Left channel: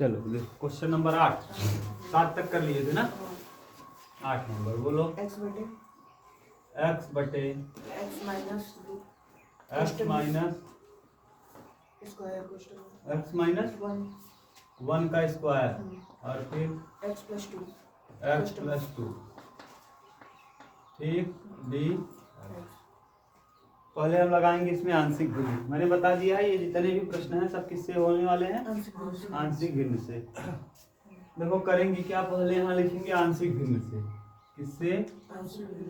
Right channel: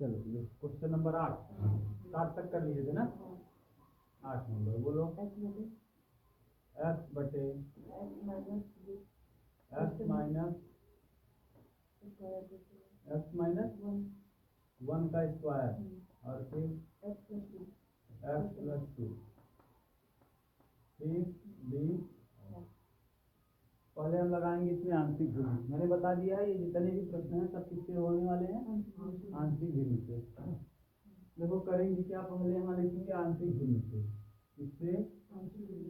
चलो question number 8, 7 तक कर लिए थे ना। 8 नंबर बोलो। x बटे x बटे x minus x minus square x minus 1 का स्क्वायर और फिर x प्लस 2 x प्लस 2। ठीक, डी। पहले हम लगाएंगे इसमें आंशिक भिन्न। मैंने बता दिया है ये जितने भी प्रश्न हैं सब किससे होने वाले हैं, आंशिक भिन्न से। देखो करेंगे क्या, पहले यहाँ लिखेंगे आंशिक भिन्न से। किससे?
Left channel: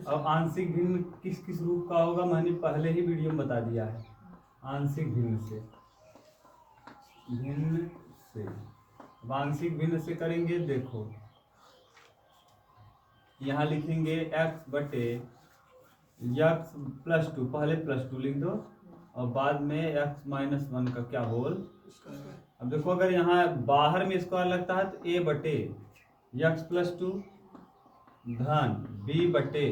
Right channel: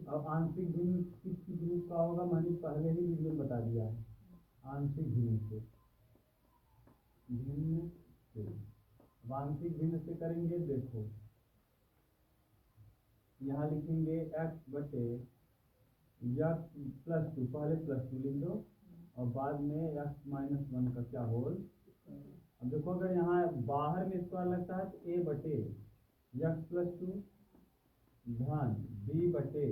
अब आंशिक भिन्न किस किस रूप का होगा मैंने पहले ही वीडियो में बता दिया है। आंशिक भिन्न से, भिन्न से। अब आंशिक भिन्न से करेंगे, देखो यहाँ लिखेंगे x बटे x प्लस 2, पहले प्लस 2 लिख दो और बाद में x माइनस 1 का क्या होल। अब देखो अगर यहाँ बाहर में स्क्वायर लगता है तो a बटे x प्लस 2 धन b बटे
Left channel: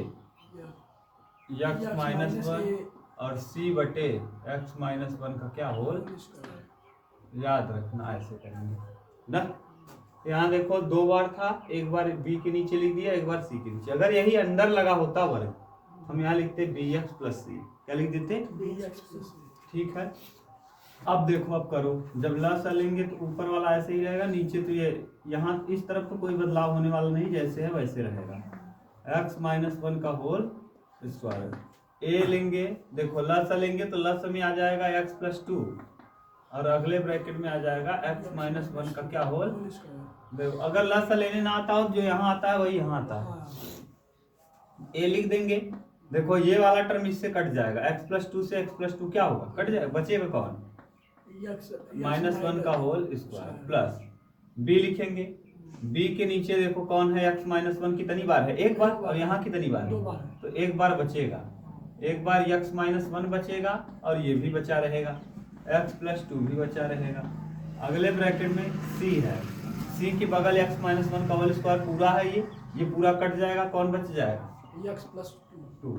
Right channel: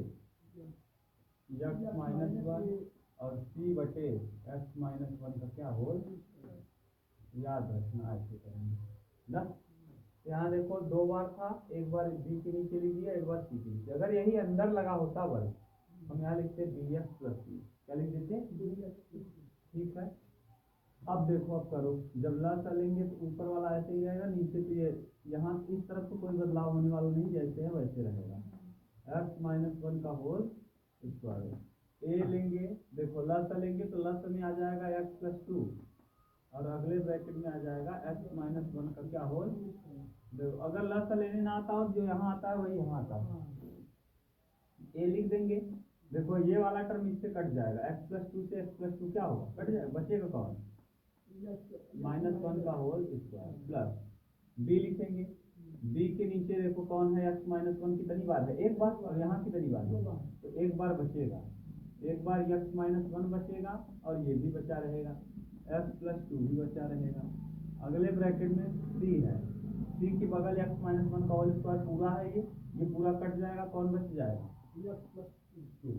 x माइनस 1 और c बटे x माइनस 1 का क्या होल। याद रखना, ऐसे करेंगे ना। यहाँ देखो 2 बार था, एक बार b के नीचे लिख दिया, एक बार c के नीचे। अगर यही अंदर लगा होता वर्ग हम यहाँ लिखते bx प्लस c। क्या लिख देते? bx plus c। ठीक है। अब देखो, अब करो, जब लसा लेंगे तो ऊपर वाला ऐसे ही रहेगा, नीचे तो ये यहाँ इस तरफ तो कोई बदलाव होने वाला नहीं, जैसे है वैसे रहेगा। x माइनस 1 का होल स्क्वायर। a लेंगे, देखो लसा लेंगे तो लस में आ जाएगा x प्लस 2 और अगले ब्रैकेट में आ जाएगा x माइनस 1 का क्या होल। देखो अगर लस लेने ना आता हो जो यहाँ आता है वही यहाँ आता है। a लिख देंगे, देखो ये वाला टर्म इससे कट जाएगा, x प्लस 2 से x प्लस 2 क्या होगा, कट जाएगा, बचेगा कौन, माइनस 1 का होल स्क्वायर प्लस b लिखेंगे। b के नीचे देखो कौन है, x माइनस 1 कितनी बार है, एक बार, और यहाँ कितनी बार है, तो एक बार बचेगा, एक बार x माइनस 1 बचेगा और ये भी बचा रहेगा, x प्लस 2 भी बचा रहेगा। अगले ब्रैकेट में c है, c के बगल x माइनस 1 का होल स्क्वायर पूरा है, ये पूरा कट जाएगा, कौन बच जाएगा, x प्लस 2।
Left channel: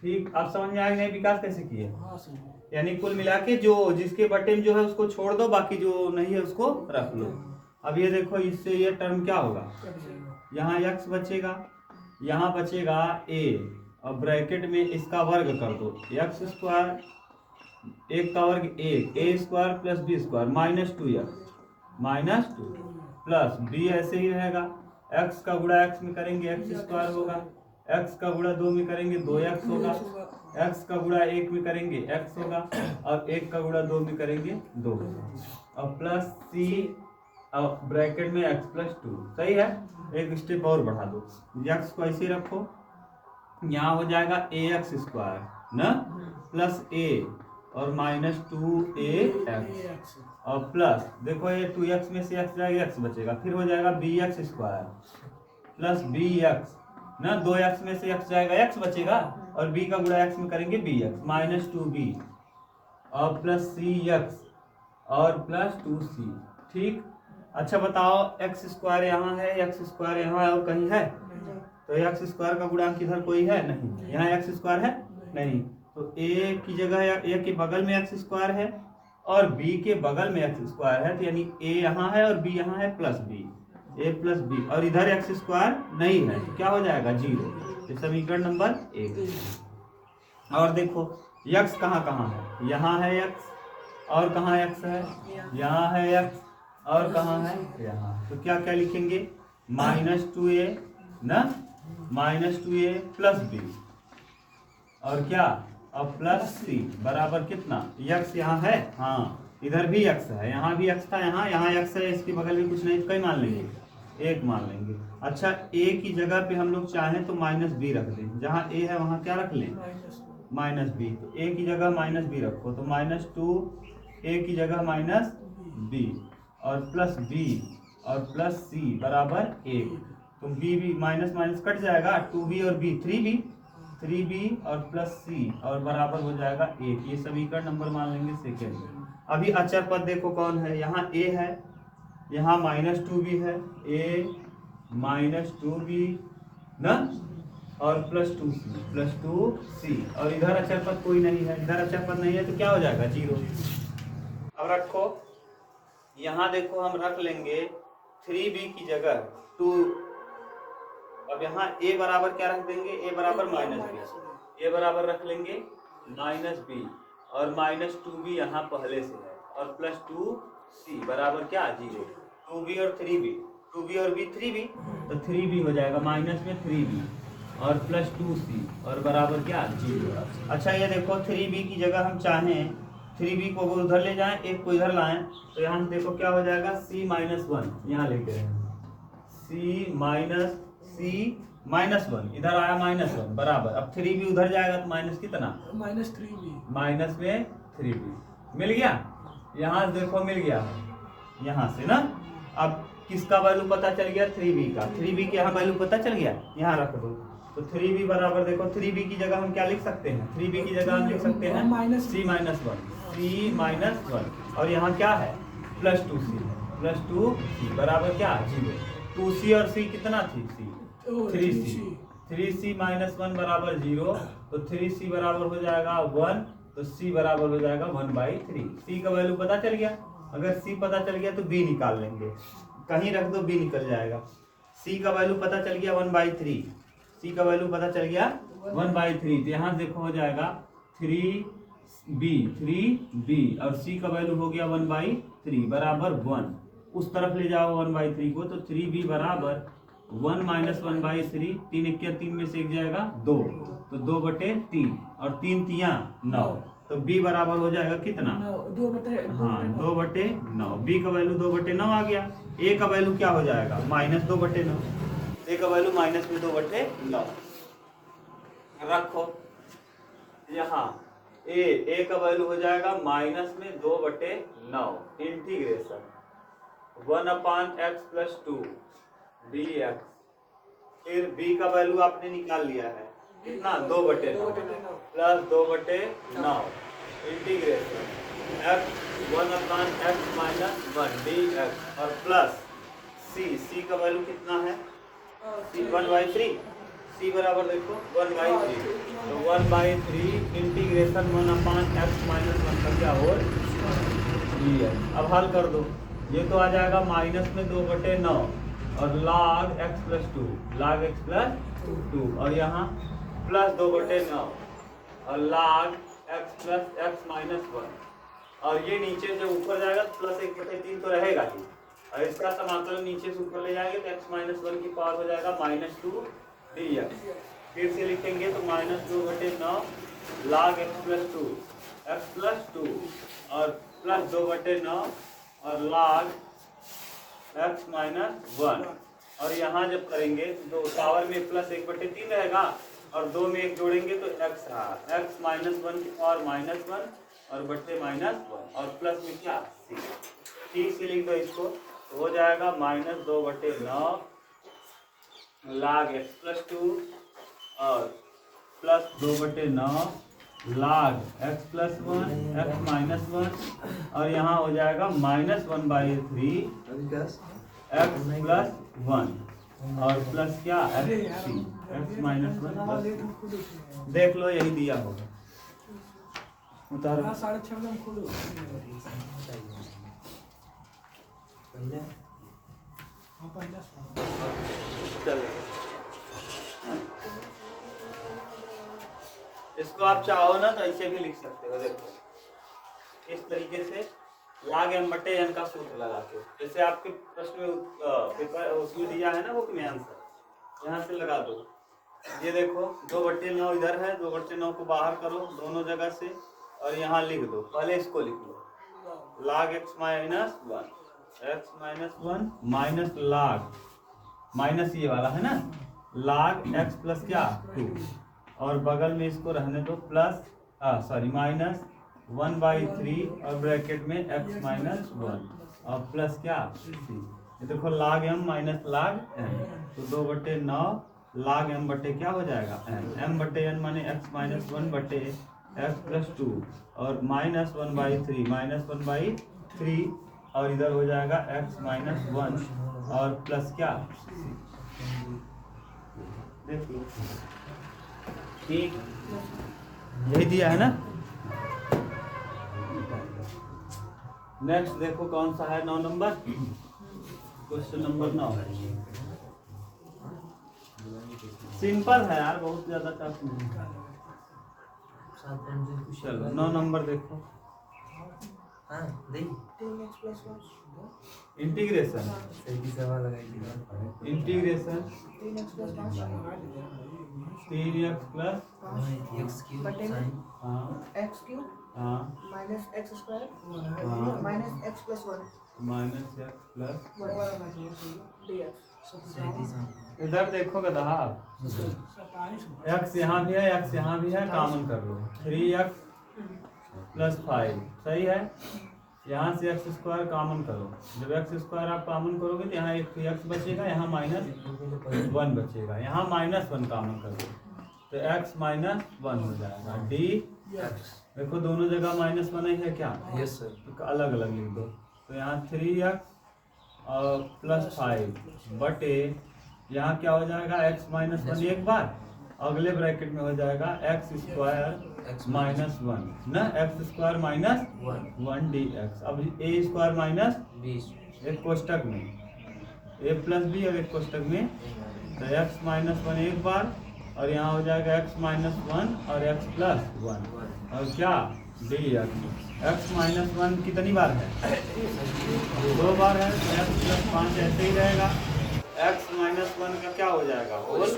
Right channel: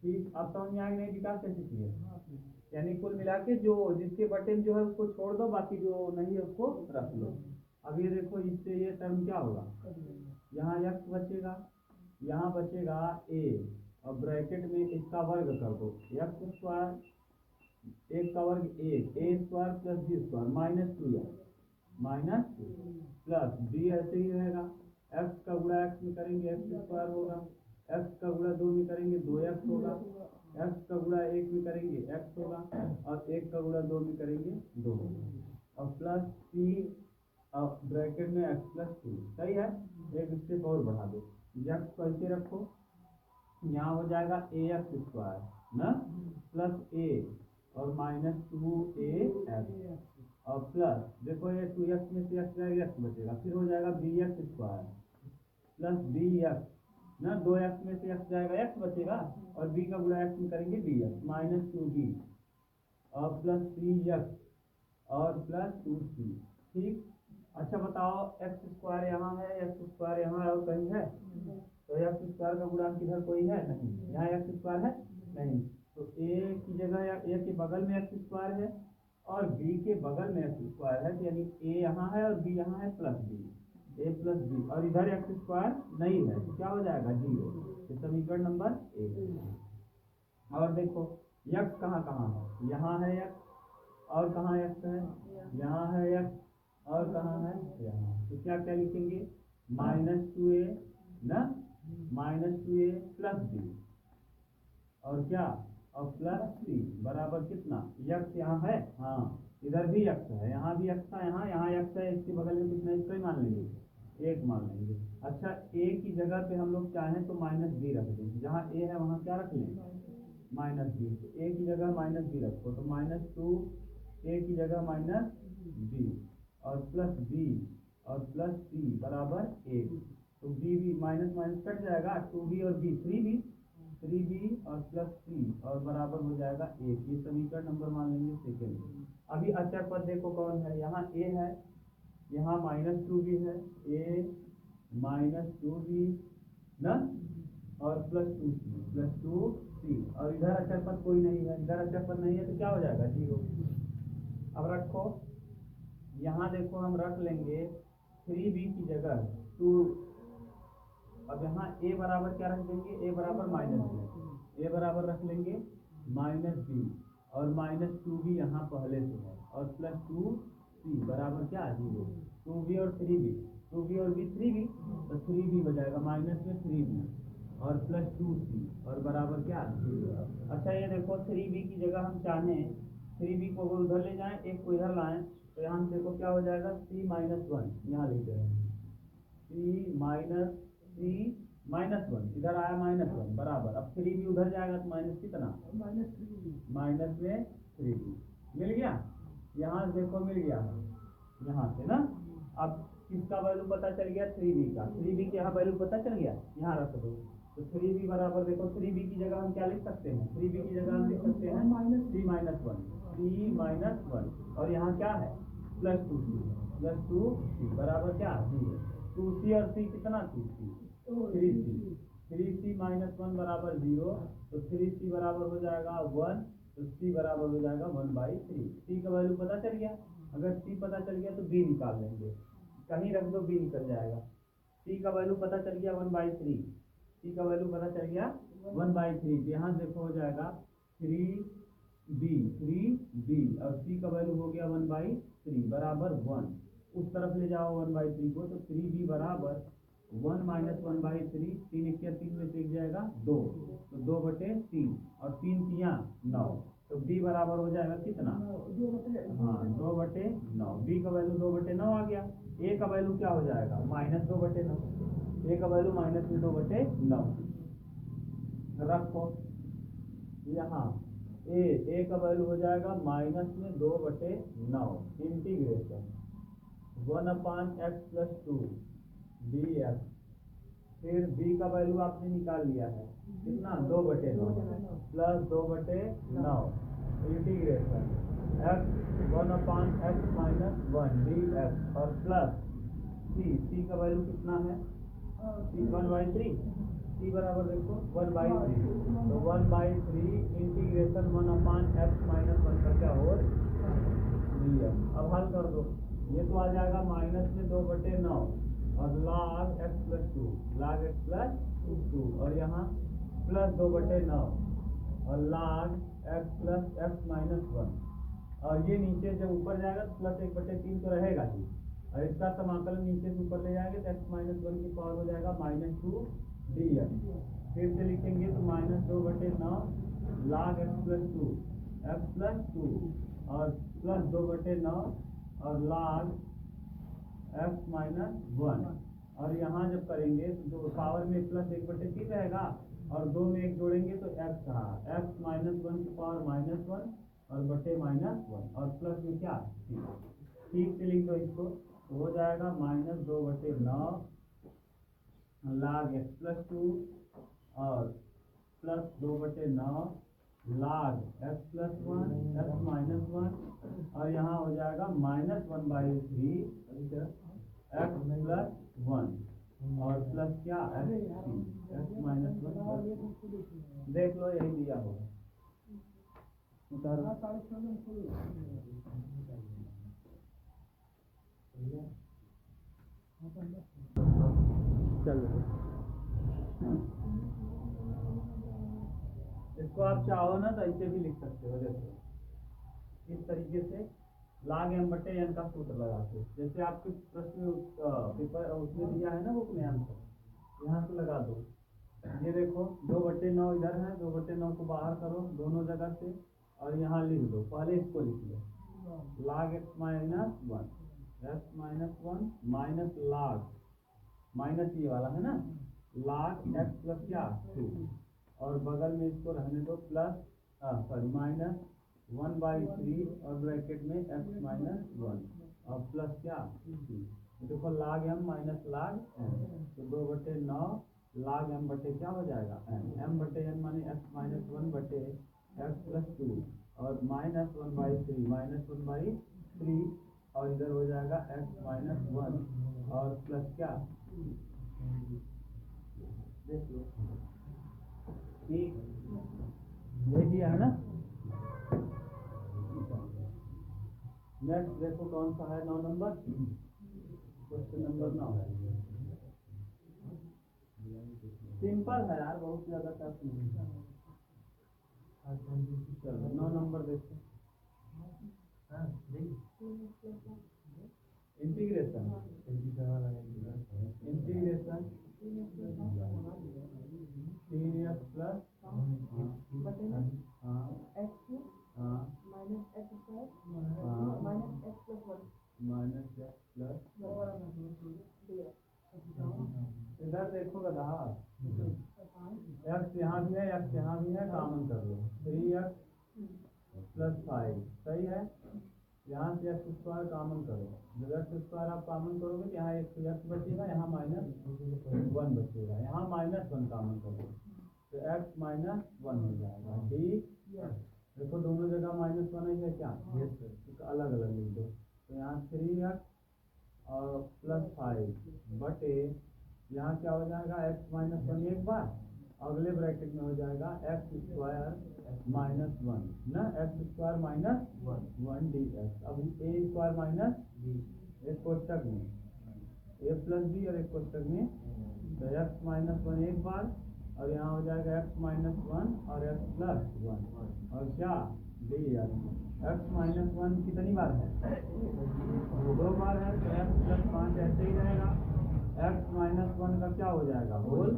ठीक, आप समझ में आएगा नहीं विकास कैसे किए। हाँ सही। यानी कुल मिला के जो जिसके बटे में जो है उसको छोड़ दो, बाकी जो नहीं है उसको रख लो। अब ये देखो इससे ये टर्म क्या होगा, यहाँ x बचेगा, यहाँ बचेगा a और ब्रैकेट में इसका वर्ग कर दो, x स्क्वायर, एक का वर्ग a square plus b square minus 2x minus 2 plus b ऐसे ही रहेगा, x का गुणा x में करेंगे x स्क्वायर होगा, x का गुणा 2 में करेंगे 2x होगा, x का गुणा 1 में करेंगे x होगा और 1 का गुणा 2 में करेंगे 2 और प्लस c और ब्रैकेट में x प्लस 2। सही है, एक स्टेप और बढ़ा दो, x को ऐसे रखो, यहाँ हो जाएगा ax स्क्वायर ना प्लस a और माइनस 2ax और प्लस देखो ये 2x में से x जाएगा, x बचेगा, फिर हो जाएगा bx स्क्वायर प्लस bx ना, 2x में से x जाएगा, x बचेगा और b का गुणा x में करेंगे bx माइनस 2b और प्लस cx और प्लस 2c। ठीक, अच्छा बताओ x स्क्वायर यहाँ है, x स्क्वायर यहाँ और कहीं है, तो x स्क्वायर का गुणांक इधर कोई है नहीं, यहाँ x स्क्वायर है नहीं, तो a की जगह a के बगल में x स्क्वायर है और b के बगल में x स्क्वायर है, तो यानी a यहाँ है और b यहाँ है plus b, a plus b और इधर x स्क्वायर नहीं है, तो क्या हो जाएगा 0। ये समीकरण नंबर 1। और देखो x कहाँ कहाँ है, यहाँ है x और कहाँ x है, यहाँ है x और कहाँ है यहाँ, तो क्या क्या लिखेंगे माइनस 2a ना, माइनस 2a प्लस b और क्या और प्लस c बराबर कितना, x यहाँ है, हाँ इधर भी x है, यहाँ भी x था, यहाँ x है, इसके बगल में कुछ नहीं तो कई मान लेंगे, 1 मान लेंगे। अच्छा a की जगह पे हम लोग चाहें तो माइनस b रख दें, जहाँ a है वहाँ क्या रख लें माइनस b, तो a की जगह माइनस b रखो, तो माइनस 2a की जगह माइनस b और प्लस b और प्लस c बराबर 1, तो b भी माइनस माइनस कट जाएगा, 2b और b 3b और प्लस c और बराबर हो जाएगा 1। ये समीकरण नंबर मान लेंगे सेकेंड। अभी अचर पद देखो कौन है, यहाँ a है, यहाँ माइनस 2b है, a माइनस 2b ना और प्लस 2c और इधर अचर पद कोई नहीं है, इधर अचर पद नहीं है तो क्या हो जाएगा 0। अब रखो यहाँ देखो हम रख लेंगे 3b की जगह 2। अब यहाँ a बराबर क्या रख देंगे, a बराबर -b, a बराबर रख लेंगे -b और -2b यहाँ पहले से है और प्लस 2c बराबर क्या 0। 2b और 3b, 2b और b 3b, तो 3b हो जाएगा माइनस में 3b और प्लस 2c और बराबर क्या 0। अच्छा ये देखो 3b की जगह हम चाहें 3b को उधर ले जाएं, एक को इधर लाएं, तो यहाँ देखो क्या हो जाएगा c -1, यहाँ लिखते हैं c-1 इधर आया -1 बराबर। अब 3b उधर जाएगा तो माइनस कितना, -3b, माइनस में 3b मिल गया। यहाँ देखो मिल गया यहाँ से ना। अब किसका वैल्यू पता चल गया, 3b का। 3b के यहाँ वैल्यू पता चल गया, यहाँ रख दो। तो 3b बराबर देखो 3b की जगह हम क्या लिख सकते हैं, 3b की जगह हम लिख सकते हैं c-1 और यहाँ क्या है प्लस 2c है, प्लस 2c बराबर क्या 0। 2c और c कितना थी c 3c, 3c -1 बराबर 0, तो 3c बराबर हो जाएगा 1, तो c बराबर हो जाएगा 1/3। c का वैल्यू पता चल गया। अगर c पता चल गया तो b निकाल लेंगे, कहीं रख दो b निकल जाएगा। c का वैल्यू पता चल गया 1/3, c का वैल्यू पता चल गया 1/3, तो यहाँ देखो हो जाएगा 3b और c का वैल्यू हो गया 1/3 बराबर 1। उस तरफ ले जाओ 1/3 को, तो 3b बराबर 1 - 1/3, 3 1 3 में से एक जाएगा 2, तो 2/3 और 3 तियां 9, तो b बराबर हो जाएगा कितना, 2/9। b का वैल्यू 2/9 आ गया। a का वैल्यू क्या हो जाएगा -2/9, a का वैल्यू -2/9 रखो। यहाँ a का वैल्यू हो जाएगा -2/9 इंटीग्रेशन 1/x + 2 dx। फिर b का वैल्यू आपने निकाल लिया है कितना 2/9 plus 2/9 integration x 1/x - 1 dx और प्लस c का वैल्यू कितना है 1/3, c बराबर देखो 1/3, तो 1/3 इंटीग्रेशन 1/x - 1 का क्या हो dx। अब हल कर दो, ये तो आ जाएगा -2/9 और log x + 2, log x + 2 और यहाँ प्लस 2/9 और log x + x - 1 और ये नीचे से ऊपर जाएगा तो प्लस 1/3 तो रहेगा ही, और इसका समाकलन नीचे से ऊपर ले जाएंगे तो x - 1 की पावर हो जाएगा -2 dx। फिर से लिखेंगे तो -2/9 log x + 2 और प्लस 2/9 और log x - 1 और यहाँ जब करेंगे तो पावर में प्लस 1/3 रहेगा और 2 में 1 जोड़ेंगे तो x रहा, x - 1 की पावर -1 और बटे -1 और प्लस में क्या c। ठीक से लिख दो इसको, तो हो जाएगा -2/9 log x + 2 और प्लस 2/9 log x + 1 x - 1 और यहाँ हो जाएगा -1/3 x + 1 और प्लस क्या x -1 देख लो यही दिया होगा। उतारो 6.5 इसको आप चाहो ना तो ऐसे भी लिख सकते हो। देखो इस तरीके से log m/n का सूत्र लगा के, जैसे आपके प्रश्न में पेपर उसमें दिया है ना बुक में आंसर, यहाँ से लगा दो। ये देखो 2/9 इधर है, 2/9 को बाहर करो दोनों जगह से और यहाँ लिख दो। पहले इसको लिख लो log x - 1 minus log minus ये वाला है ना log x + क्या 2 और बगल में इसको रहने दो प्लस -1/3 और ब्रैकेट में x - 1 और प्लस क्या c। ये देखो log m - log n, तो 2/9 log m बटे क्या हो जाएगा m/n माने x - 1/x + 2 और -1/3 और इधर हो जाएगा x - 1 और प्लस क्या देखिए ठीक यही दिया है ना। नेक्स्ट देखो कौन सा है 9 नंबर, क्वेश्चन नंबर 9 है। सिंपल है यार, बहुत ज्यादा टफ नहीं है। चलो 9 नंबर देखो। Integration integration 3x plus 3x plus बटे में हाँ x क्यूब हाँ minus x square हाँ minus x plus 1 minus x plus dx। इधर देखो गधा, एक्स यहाँ भी है, एक्स यहाँ भी है, कॉमन कर लो 3x प्लस 5 सही है। यहाँ से एक्स स्क्वायर कॉमन करो, जब एक्स स्क्वायर आप कॉमन करोगे तो यहाँ एक एक्स बचेगा, यहाँ -1 बचेगा, यहाँ -1 कॉमन कर दो तो x -1 हो जाएगा डी। देखो दोनों जगह -1 ही है क्या? Yes sir. तो अलग अलग लिख दो, तो यहाँ 3x और प्लस 5 बटे यहाँ क्या हो जाएगा x -1 एक बार, अगले ब्रैकेट में हो जाएगा x स्क्वायर -1 ना, x स्क्वायर -1 dx। अब a स्क्वायर माइनस 20 एक कोष्टक में a प्लस बी और एक कोष्टक में, तो x -1 एक बार और यहाँ हो जाएगा x -1 और x +1 और क्या dx। x -1 कितनी बार है? 2 बार है, तो x + 5 ऐसे ही रहेगा। x -1 का क्या हो जाएगा होल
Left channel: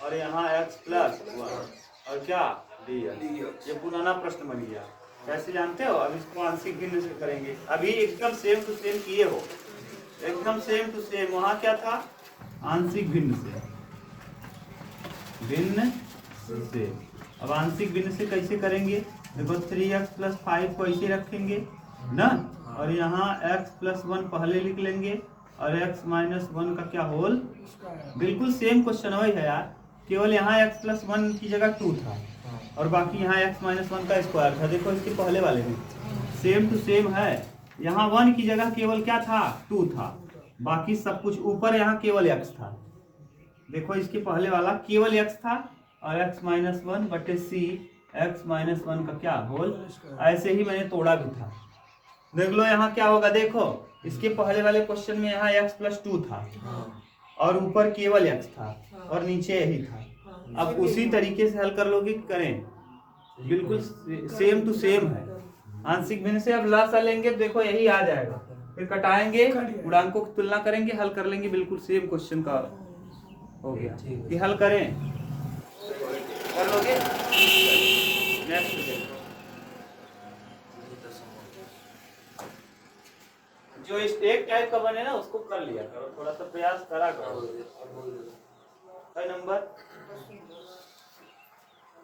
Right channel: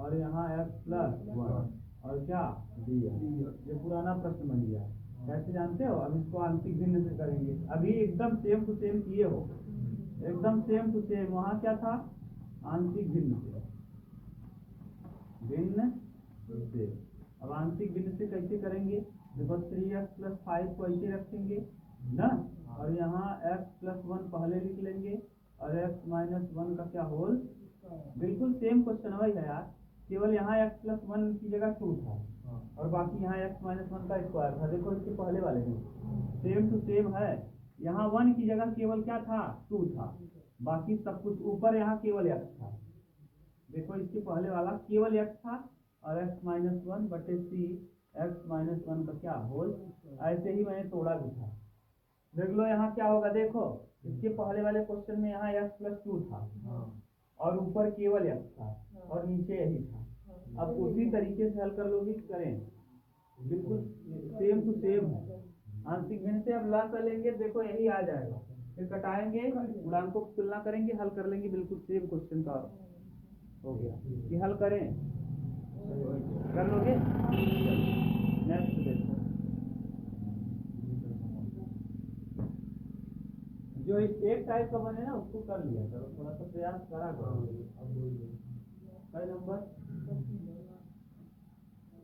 और यहाँ x + 1 और क्या dx। ये पुराना प्रश्न बन गया, कैसे जानते हो? अब इसको आंशिक भिन्न से करेंगे। अभी एकदम सेम टू सेम किए हो, एकदम सेम टू सेम। वहाँ क्या था? आंशिक भिन्न से, भिन्न से। अब आंशिक भिन्न से कैसे करेंगे? देखो 3x + 5 को ऐसे रखेंगे ना, और यहाँ x + 1 पहले लिख लेंगे और x -1 का क्या होल। बिल्कुल सेम क्वेश्चन वही है यार, केवल यहाँ x + 1 की जगह 2 था और बाकी यहाँ x -1 का स्क्वायर था। देखो इसके पहले वाले में सेम टू सेम है, यहाँ 1 की जगह केवल क्या था? 2 था, बाकी सब कुछ ऊपर यहाँ केवल x था। देखो इसके पहले वाला केवल x था और x -1 बटे c x -1 का क्या होल। ऐसे ही मैंने तोड़ा भी था, देख लो यहाँ क्या होगा। देखो इसके पहले वाले क्वेश्चन में यहाँ x + 2 था और ऊपर केवल x था और नीचे यही था। अब उसी तरीके से हल कर लोगे कि करें? बिल्कुल सेम टू सेम है। आंशिक भिन्न से अब लासा लेंगे, देखो यही आ जाएगा, फिर कटाएंगे, गुणांकों की तुलना करेंगे, हल कर लेंगे। बिल्कुल सेम क्वेश्चन का हो गया कि हल करें, कर लोगे। नेक्स्ट देखो, जो इस एक टाइप का बने ना उसको कर लिया करो, थोड़ा सा प्रयास करा करो। है नंबर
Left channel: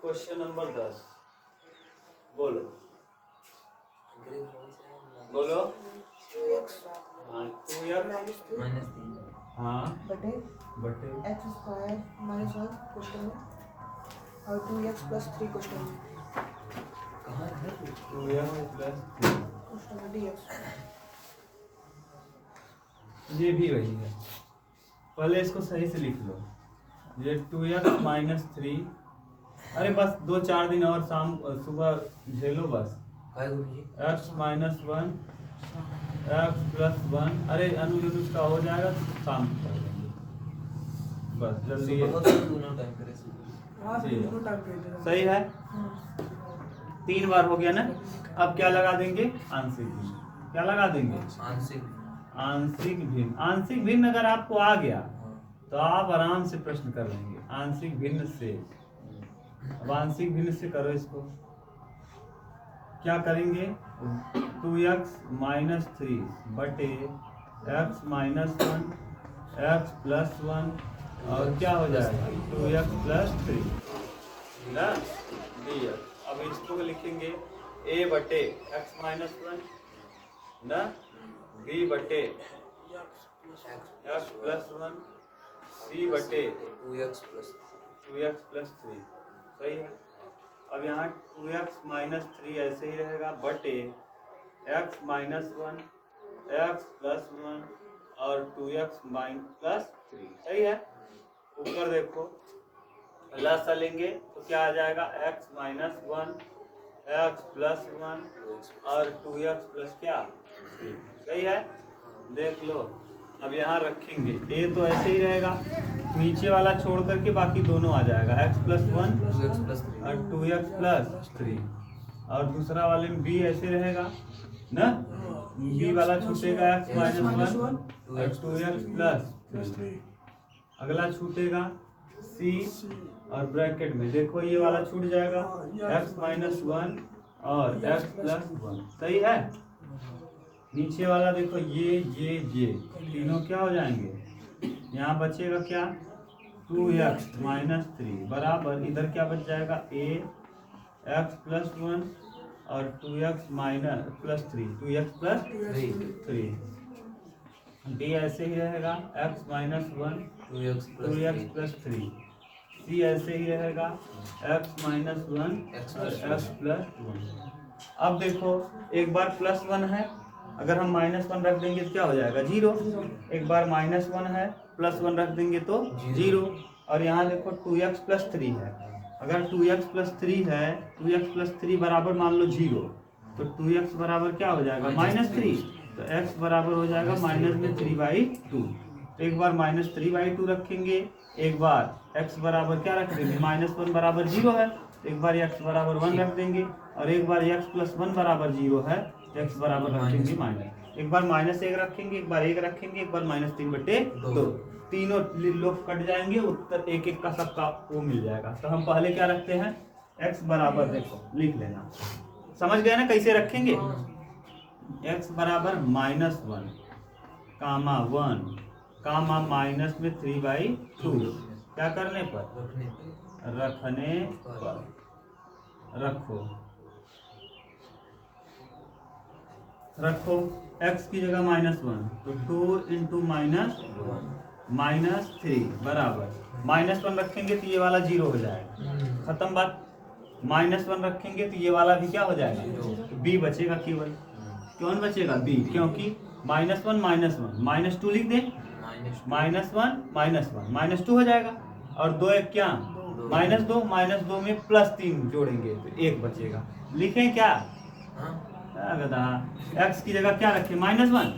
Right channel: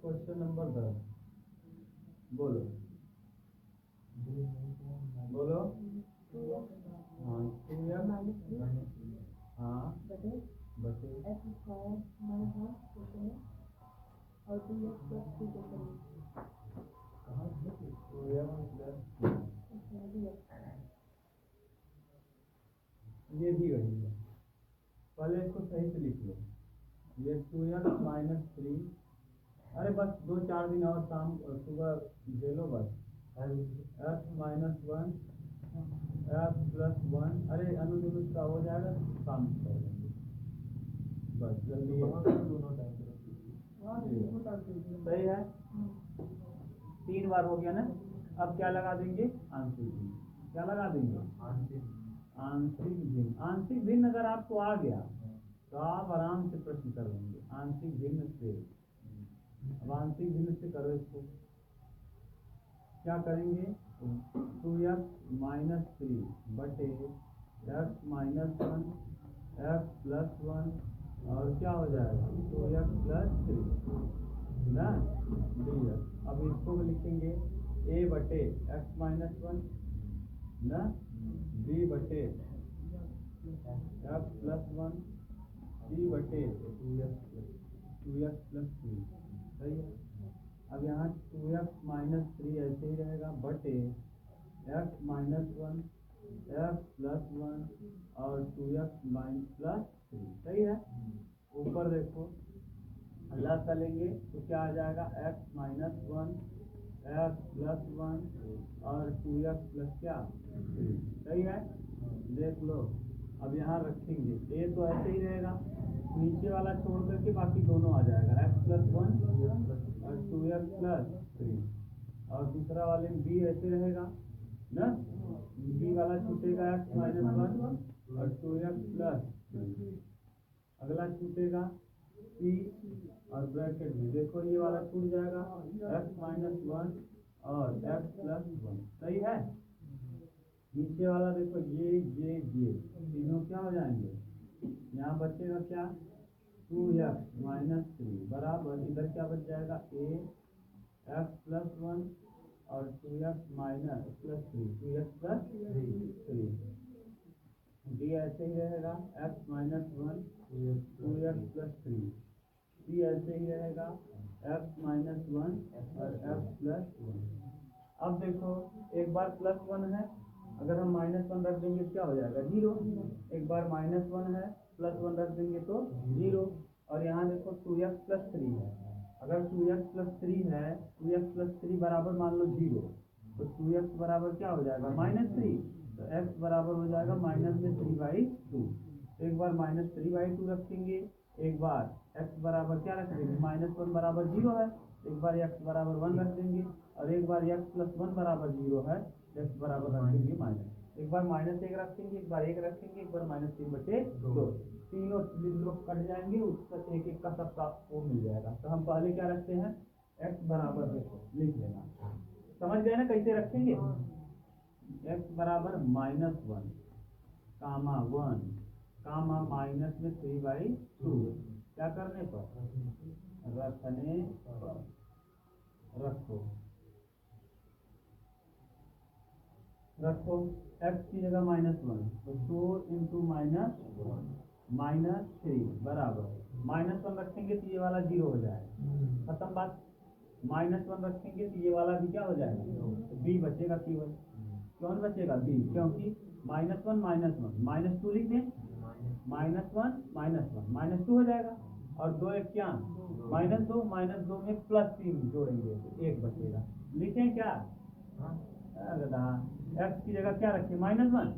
क्वेश्चन नंबर 10 बोलो बोलो। 2x हाँ 2x हाँ बटे बटे x स्क्वायर -1 क्वेश्चन में और 2x + 3 क्वेश्चन में 2x प्लस क्वेश्चन में dx। ये भी वही है, पहले इसको सही से लिख लो। ये 2x -3, अरे बस 2-4 दिन और शाम सुबह झेलो बस। x -1 x + 1, अरे अनुज का हो जाएगा, शाम को कर देंगे बस, जल्दी है। सही है, 3 बार हो गया ना। अब क्या लगा देंगे? आंशिक भिन्न। क्या लगा देंगे? आंशिक भिन्न। आंशिक भिन्न अगर आपको आ गया तो आप आराम से प्रश्न कर लेंगे आंशिक भिन्न से। अब आंशिक भिन्न से करो इसको, क्या करेंगे? 2x -3 बटे x -1 x + 1 और क्या हो जाएगा? 2x + 3 ना dx। अब इसको लिखेंगे a बटे x -1 ना, b बटे x + 1 c बटे 2x + 3 सही है। अब यहाँ 2x -3 ऐसे ही रहेगा बटे x -1 x + 1 और 2x + 3 सही है। ऊपर देखो लासा लेंगे तो क्या आ जाएगा? x -1 x + 1 और 2x + क्या सही है, देख लो। अब यहाँ रखेंगे ए तो ऐसे ही रहेगा, नीचे वाला छोड़ करके बाकी दोनों आ जाएगा x + 1 और 2x + 3, और दूसरा वाले में b ऐसे रहेगा ना, b वाला छूटेगा x - 1 और 2x + 3, अगला छूटेगा c और ब्रैकेट में देखो ये वाला छूट जाएगा x - 1 और x + 1, सही है। नीचे वाला देखो ये तीनों क्या हो जाएंगे, यहाँ बचेगा क्या 2x - 3 बराबर इधर क्या बच जाएगा a x + 1 और 2x + 3 2x + 3, d ऐसे ही रहेगा x - 1 2x + 3, c ऐसे ही रहेगा x - 1 और x + 1। अब देखो एक बार +1 है, अगर हम -1 रख देंगे तो क्या हो जाएगा 0, एक बार -1 है +1 रख देंगे तो 0, और यहाँ देखो 2x + 3 है, अगर 2x + 3 है 2x + 3 बराबर मान लो 0, तो 2x बराबर क्या हो जाएगा -3, तो x बराबर हो जाएगा -3/2। एक बार -3/2 रखेंगे, एक बार x बराबर क्या रख देंगे -1 बराबर 0 है, एक बार x बराबर 1 रख देंगे, और एक बार x + 1 बराबर 0 है, x बराबर रखेंगे -, एक बार -1 रखेंगे, एक बार 1 रखेंगे, एक बार -3/2, तीनों लोग कट जाएंगे, उत्तर एक एक का सबका वो मिल जाएगा। तो हम पहले क्या रखते हैं x बराबर, देखो लिख लेना, समझ गए ना कैसे रखेंगे, x बराबर -1 कामा 1 कामा -3/2, क्या करने पर रखने पर, रखो x की जगह -1 तो 2 × -3 बराबर -1 रखेंगे तो ये वाला 0 हो जाएगा, खत्म बात। -1 रखेंगे तो ये वाला भी क्या हो जाएगा, तो b बचेगा केवल, कौन बचेगा b, क्योंकि -1 -2 लिख दें, -1 -2 हो जाएगा, और 2 एक क्या -2 में +3 जोड़ेंगे तो 1 बचेगा, लिखें क्या x की जगह क्या रखें -1,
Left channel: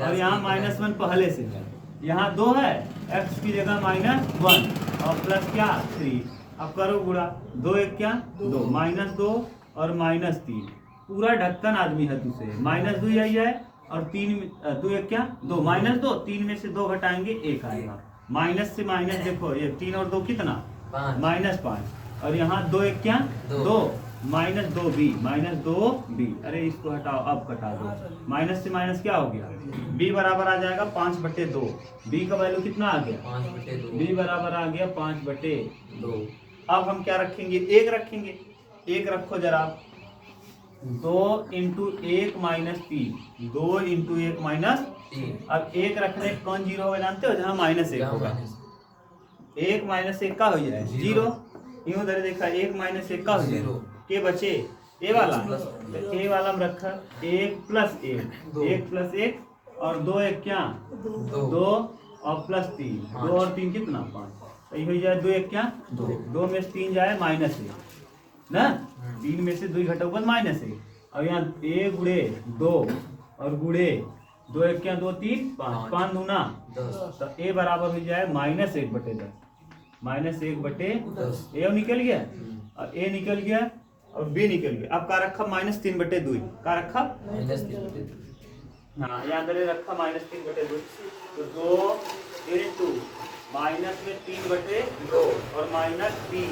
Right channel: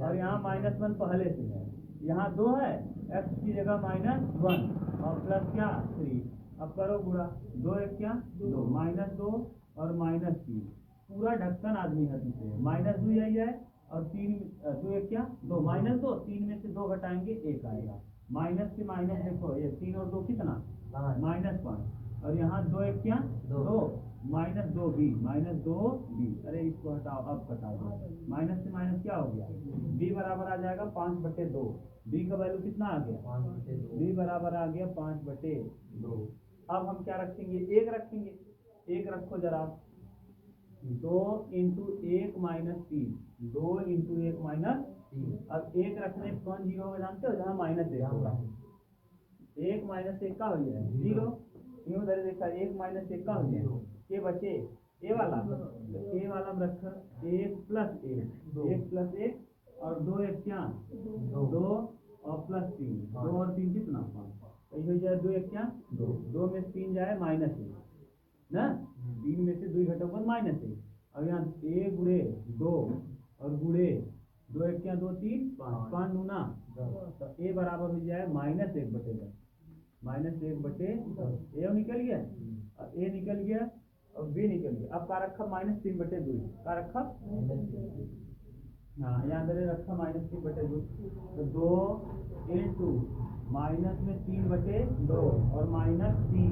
और यहाँ -1 पहले से है, यहाँ 2 है, x की जगह -1 और प्लस क्या 3, अब करो गुणा, 2 एक क्या 2 -2 और -3, पूरा ढक्कन आदमी है तुझसे, -2 यही है, और 3 2 एक क्या 2 -2, 3 में से 2 घटाएंगे 1 आएगा, माइनस से माइनस देखो ये 3 और 2 कितना -5, और यहाँ 2 एक क्या 2 -2b, अरे इसको हटाओ, अब घटा दो, माइनस से माइनस क्या हो गया, b बराबर आ जाएगा 5/2, b का वैल्यू कितना आ गया, b बराबर आ गया 5/2। अब हम क्या रखेंगे, 1 रखेंगे, 1 रखो जरा, 2 × 1 - 3, 2 × 1 - 3, अब 1 रखने कौन 0 होगा जानते हो, जहाँ -1 होगा, 1 - 1 का हो जाए 0, यूं उधर देखा 1 - 1 का हो जाए, के बचे ए वाला, तो ए वाला में रखा 1 + 1 और 2 एक क्या 2 और +3, 2 और 3 कितना 5, तो ये हो जाए 2 एक क्या 2 में से 3 जाए -1 ना, 3 में से 2 घटाओ -1, और यहाँ a × 2 और गुणे 2 एक क्या 2 3 5 5 दूना 10, तो a बराबर हो जाए -1/10, -1/10, a निकल गया और a निकल गया और b निकल गया। अब का रखा -3/2, का रखा हाँ यहाँ अंदर रखा -3/2, तो 2 × -3/2 और -3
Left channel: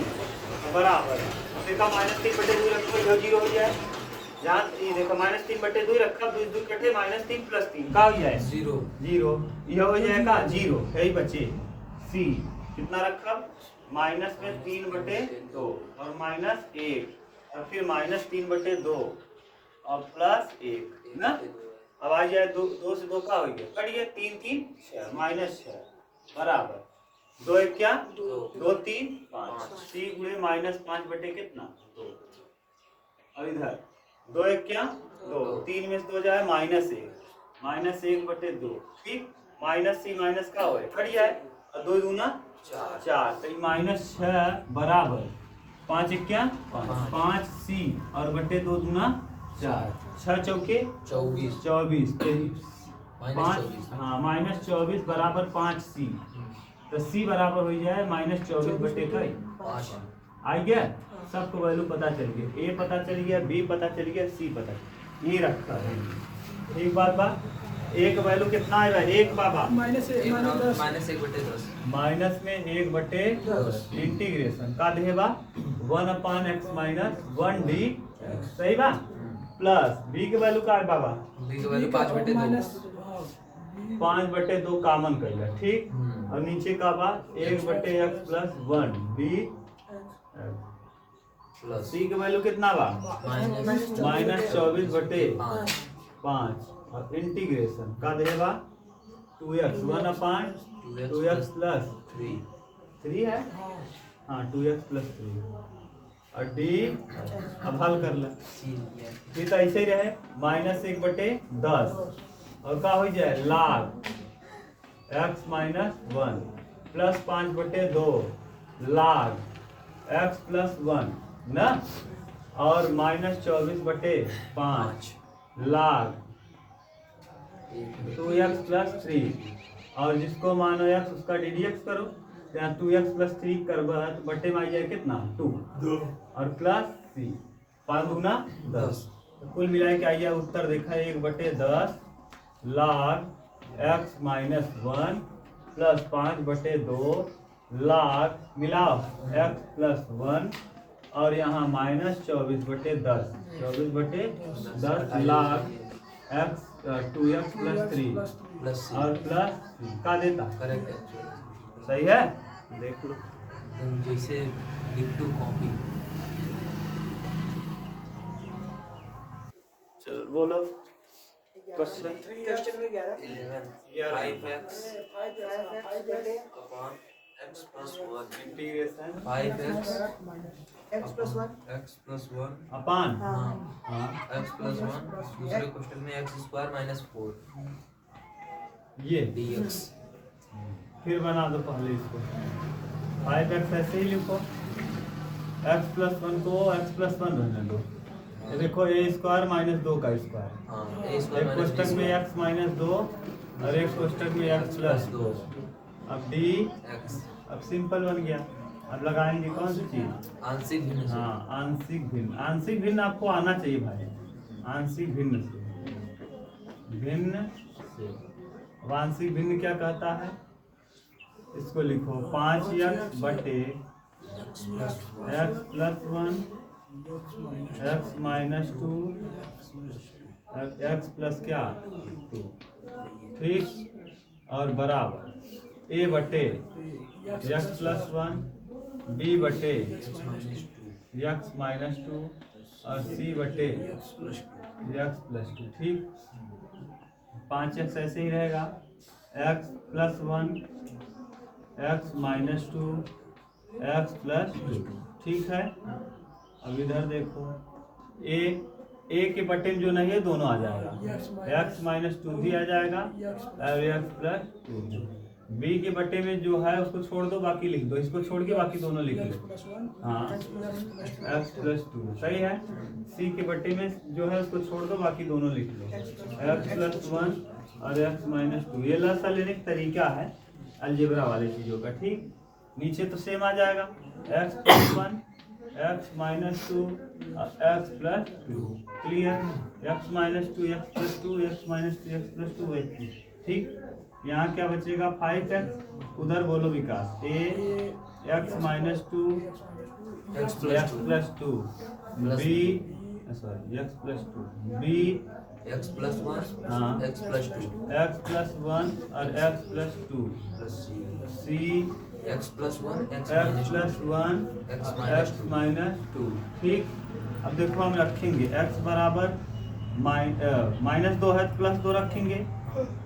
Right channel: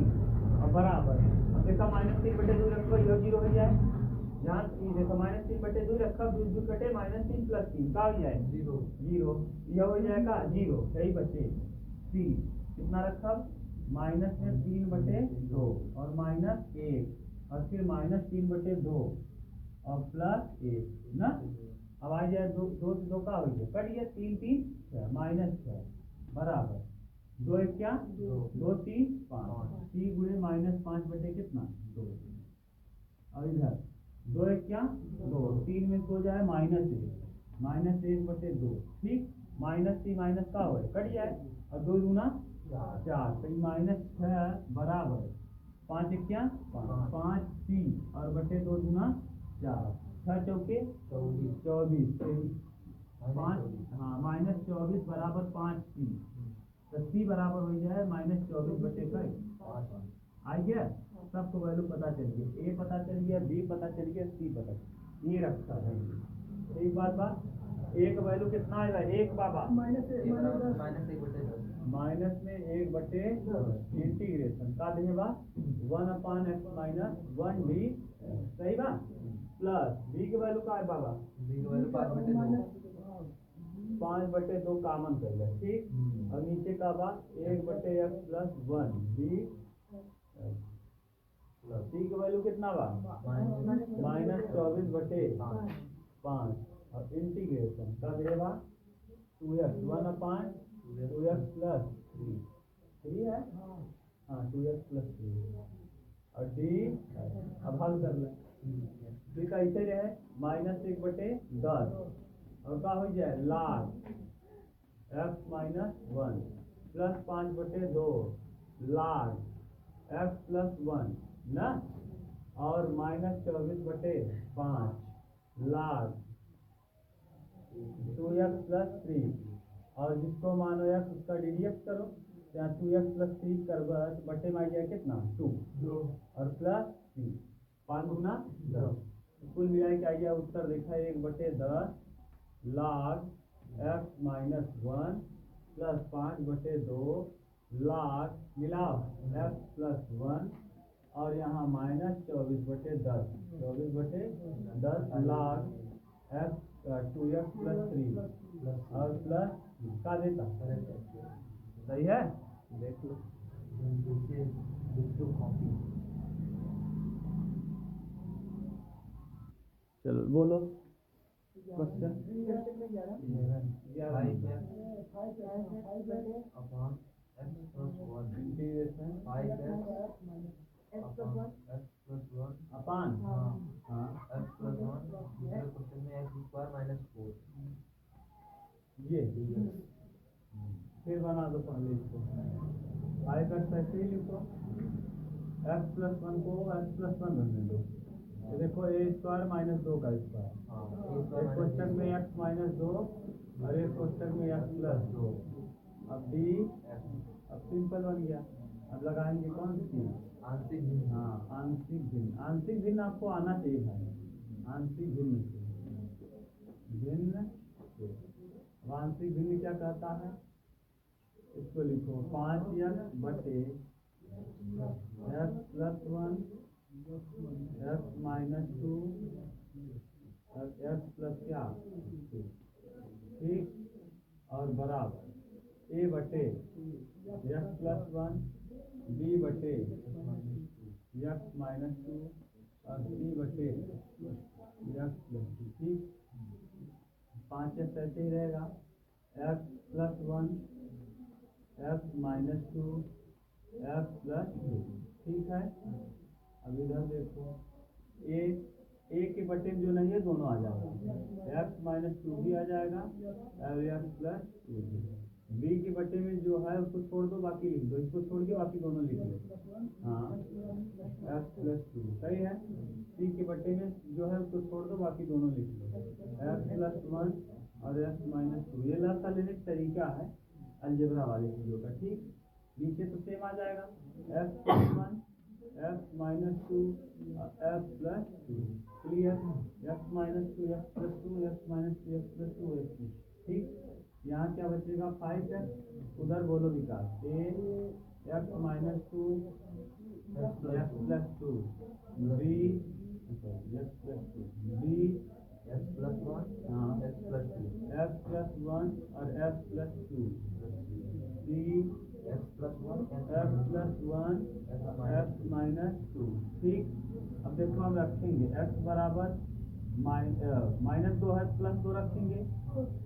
बराबर, देखा -3/2 रखो, यह 0 हो जाए, जहाँ ये देखो -3/2 रखा, 2 कटे -3 + 3 का हो जाए 0, यह हो जाएगा 0, यही बचे c, कितना रखा -3/2 और -1 और फिर -3/2 और +1 ना, अब आ जाए 2 से 2 का हो गया, कट गया 3 3 6 -6 बराबर 2 एक क्या 2 3 5, c × -5 कितना 2, और इधर 2 एक क्या 2, 3 में से 2 जाए -1/2, ठीक, -c माइनस का हो कट जाए, और 2 दूना 4, तो -6 बराबर 5 एक क्या 5c और बटे 2 दूना 4 6 चौके 24 24 माइनस 5 24 हाँ -24 बराबर 5c। तो c बराबर हो जाए -24 बटे कई 5 आ गया। सबको वैल्यू पता चल गया, a पता चल गया, b पता चल गया, c पता ये रखा है। एक बात एक वैल्यू कितना आएगा? एक बाबा माइनस माइनस 1 बटे 10 माइनस में 1 बटे 10 इंटीग्रेशन का देबा 1/x माइनस 1d सही बा प्लस b के वैल्यू का है बाबा b की वैल्यू 5 बटे 2 5 बटे 2 कॉमन करेगा ठीक। और नीचे का बा 1 बटे x plus 1 b plus c के वैल्यू कितना बा -24 बटे 5 5 और इंटीग्रेशन का देबा 2x 1/2x प्लस 3 है हाँ 2x प्लस 3 और d अब हल कर ले फिर तो ऐसे ही रहे -1 बटे 10 और का हो जाए log x माइनस 1 प्लस 5 बटे 2 log x प्लस 1 ना और -24 बटे 5 log 2x प्लस 3 और जिसको मानो x उसका ddx करो यहाँ 2x प्लस 3 करवा तो बटे में आ जाए कितना 2 और प्लस 3 5 दूना 10 कुल मिला के आइए उत्तर देखा 1 बटे 10 log x माइनस 1 प्लस 5 बटे 2 log मिलाओ x प्लस 1 और यहाँ -24 बटे 10 24 बटे 10 log x 2x plus 3 plus और प्लस का देता करेक्ट सही है देख लो जैसे लिख टू कॉपी चलो बोलो क्वेश्चन क्वेश्चन में 11 11 5x upon x plus 1 integration 5x x plus 1 x plus 1 अपान हाँ हाँ x प्लस 1 दूसरे क्वेश्चन में x स्क्वायर माइनस 4 ये dx फिर बना दो पहले इसको 5x ऐसे ही लिखो x प्लस 1 को x प्लस 1 रहने दो ये देखो a स्क्वायर माइनस 2 का स्क्वायर हाँ a एक स्क्वायर माइनस कोष्टक में x माइनस 2 और एक कोष्टक में x प्लस 2 अब d x अब सिंपल बन गया। अब लगाएंगे कौन सी चीज आंशिक भिन्न से हाँ आंशिक भिन्न आपको आना चाहिए भाई आंशिक भिन्न से अब आंशिक भिन्न क्या कहता है इसको लिखो 5x बटे x plus 1 x minus 2 x plus क्या 2 ठीक और बराबर a बटे x प्लस 1 b बटे x माइनस 2 और c बटे x प्लस 2 ठीक 5x ऐसे ही रहेगा x plus 1 x minus 2 x plus 2 ठीक है। अब इधर देखो a के बटे में जो नहीं है दोनों आ जाएगा x माइनस 2 भी आ जाएगा और x प्लस 2 b के बटे में जो है उसको छोड़ दो बाकी लिख दो इसको छोड़ के बाकी दोनों लिख लो हाँ x प्लस 2 सही है। c के बटे में जो है उसको छोड़ दो बाकी दोनों लिख लो x प्लस 1 और x माइनस 2 ये लसा लेने का तरीका है अलजेब्रा वाले चीज़ों का ठीक। नीचे तो सेम आ जाएगा x plus 1 x minus 2 x plus 2 clear x minus 2 x plus 2 x minus 2 x plus 2 ठीक। यहाँ क्या बचेगा 5x उधर बोलो विकास a x minus 2 x plus 2 b sorry x plus 2 b x plus 1 हाँ x प्लस 2 x प्लस 1 और x plus 2 plus c x plus 1 x plus 1 x minus 2 ठीक। अब देखो हम रखेंगे x बराबर माइनस 2 है प्लस 2 रखेंगे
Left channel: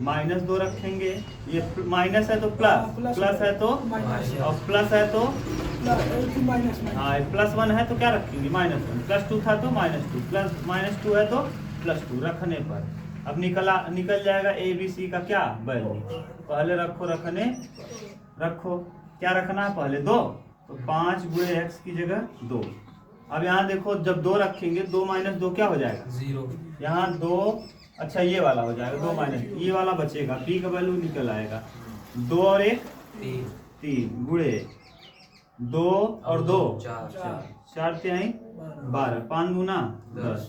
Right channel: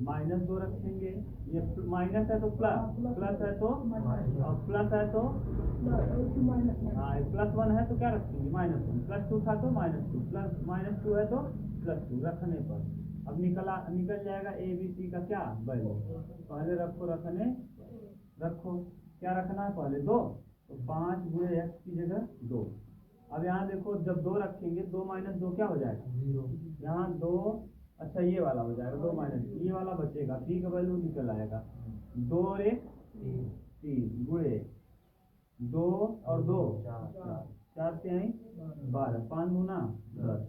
माइनस 2 रखेंगे ये माइनस है तो प्लस है तो और प्लस है तो हाँ प्लस 1 है तो क्या रखेंगे -1 प्लस 2 था तो -2 प्लस -2 है तो प्लस 2 रखने पर अब निकल जाएगा a b c का क्या वैल्यू पहले रखो क्या रखना है पहले 2 तो 5 गुणे x की जगह 2 अब यहाँ देखो जब 2 रखेंगे 2 माइनस 2 क्या हो जाएगा? 0 यहाँ 2, अच्छा ये वाला हो जाएगा 2 माइनस ये वाला बचेगा, b का वैल्यू निकल आएगा 2 और 1 3 3 गुणे 2 और 2 4 4 तिहाई 12 5 गुना 10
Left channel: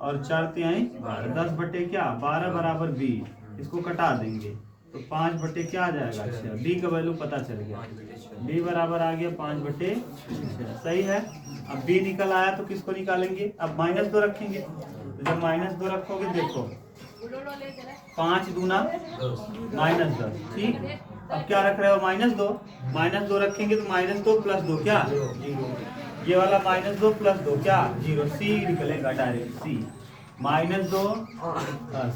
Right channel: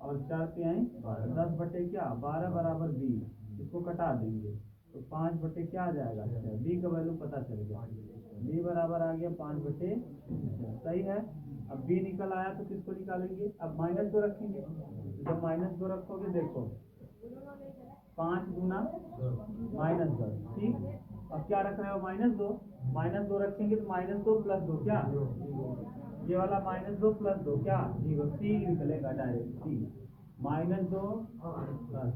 और 4 तिहाई 12 10 बटे क्या 12 बराबर 20 इसको कटा देंगे तो 5 बटे क्या आ जाएगा? 6 b का वैल्यू पता चल गया, b बराबर आ गया 5 बटे 6 सही है। अब b निकल आया तो किसको निकालेंगे? अब -2 रखेंगे तो जब -2 रखोगे देखो 5 दूना -10 ठीक। अब क्या रख रहे हो? -2 रखेंगे तो -2 प्लस 2 क्या? ये वाला -2 प्लस 2 क्या? 0 c निकलेगा डायरेक्ट c -2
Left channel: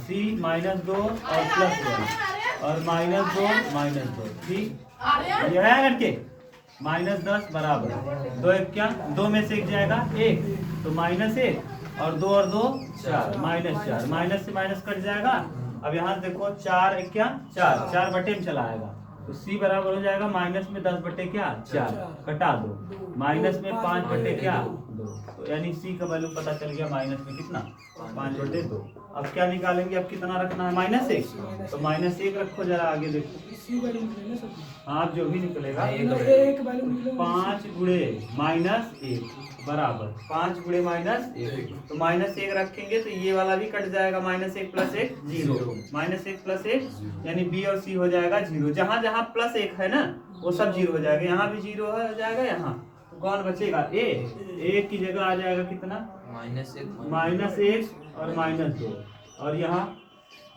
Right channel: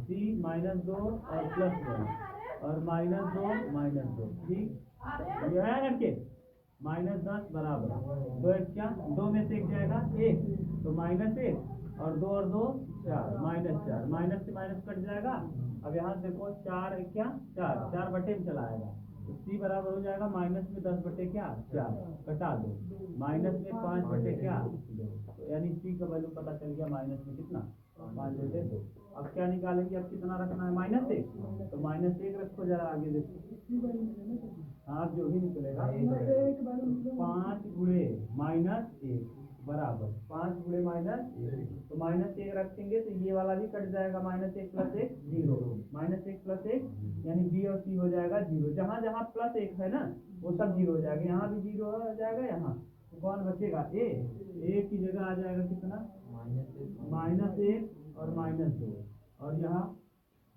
c -2 और प्लस 1 और -2 ठीक। ये है लड़के -10 बराबर 2 1 क्या 2 में से 1 जाएगा 1 तो -1 और 2 और 2 4 -4 माइनस से माइनस कट जाएगा। अब यहाँ देखो 4 1 क्या 4 बटे में चला आएगा तो c बराबर हो जाएगा माइनस में 10 बटे क्या 4 कटा दो माइनस में 5 बटे क्या 2 तो यानी c का वैल्यू पता चल गया माइनस में कितना 5 बटे 2। अब क्या निकालेंगे? अब कितना रखना है? -1 तो -1 रखो जरा आगे देखो इसी वैल्यू निकलेगा सब हाँ जो भी निकलेगा एक वैल्यू निकलेगा 5 गुणे -1 बराबर 5 गुणे -1 तो -1 रखेंगे तो ये वाला भी कट जाएगा -1 प्लस 1 0 -1 प्लस 1 यानी b और c हो जाएगा 0। जहाँ जहाँ प्लस 1 है ना वो सब 0 हो जाएगा, यहाँ भी 0 हो जाएगा। यहाँ तो कौन बचेगा? a की जगह आ जाएगा कितना -1 और -2 और यहाँ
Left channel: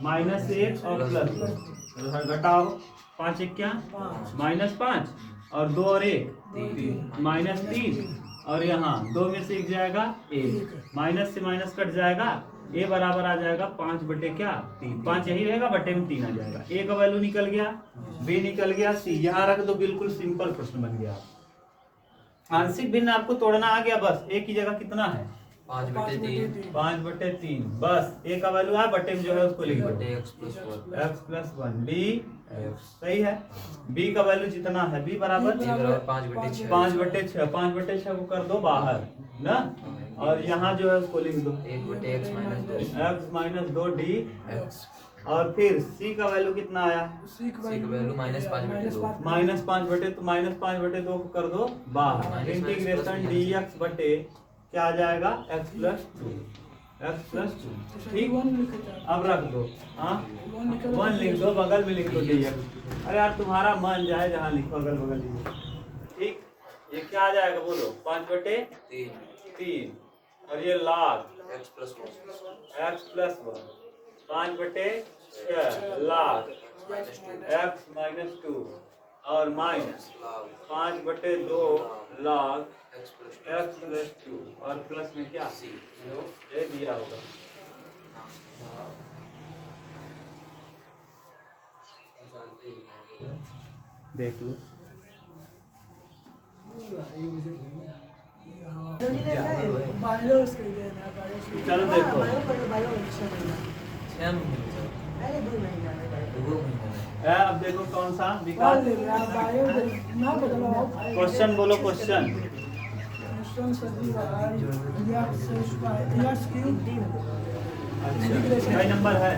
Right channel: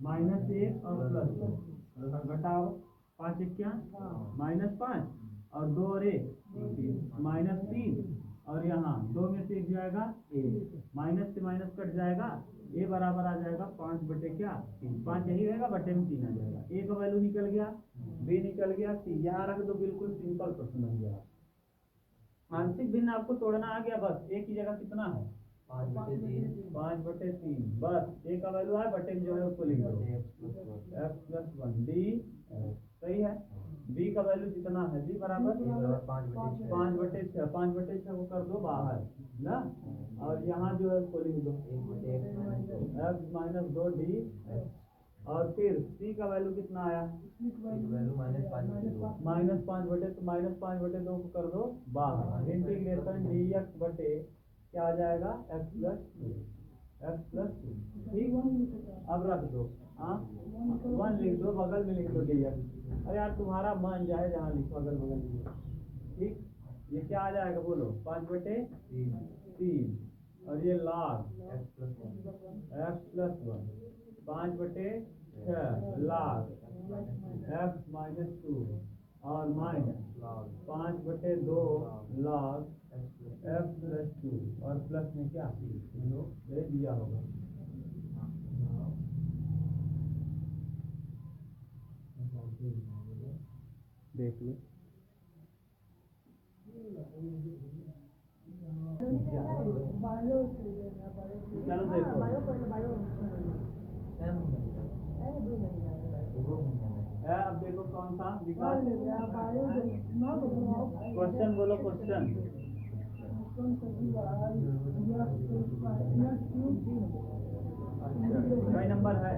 -1 और प्लस 2 घटाओ 5 1 क्या -5 और 2 और 1 -3 और यहाँ 2 में से 1 जाएगा 1 माइनस से माइनस कट जाएगा a बराबर आ जाएगा 5 बटे क्या 3 5 यही रहेगा बटे में 3 आ जाएगा। a का वैल्यू निकल गया, b निकल गया, c यहाँ रख दो। बिल्कुल सिंपल प्रश्न बन गया। आंशिक भिन्न आपको तोड़ना आ गया बस। a की जगह कितना है 5 बटे 3 5 बटे 3 बस a का वैल्यू है बटे में जो है उसको लिख दो बटे x plus 1 x plus 1 d सही है। b का वैल्यू जितना है b बराबर 5 बटे 6 5 बटे 6 5 बटे 6 को कर दो बाहर ना और यहाँ जो है उसको लिख दो 1 बटे x माइनस 2 d और फिर c का वैल्यू कितना आया c का वैल्यू -5 बटे 2 -5 बटे तो -5 बटे 2 को कर दो बाहर इंटीग्रेशन dx बटे क्या आ जाएगा x प्लस 2 ठीक। अब रख दो हाँ 1 लिख दो बगल में लिख दो dx। अरे यार तुम्हारा मन जाए जहाँ लिखो अगल बगल लिखो ठीक। ये क्या आ जाएगा बोलो 5 बटे 3 और ये log x प्लस 1 5 बटे 6 log x माइनस 2 और माइनस 5 बटे 2 log x प्लस 2 और प्लस में क्या c ये दिया होगा। देख लो चलो देखो अब देखो कौन सा विकास क्वेश्चन बोलो क्वेश्चन अच्छा कई नंबर है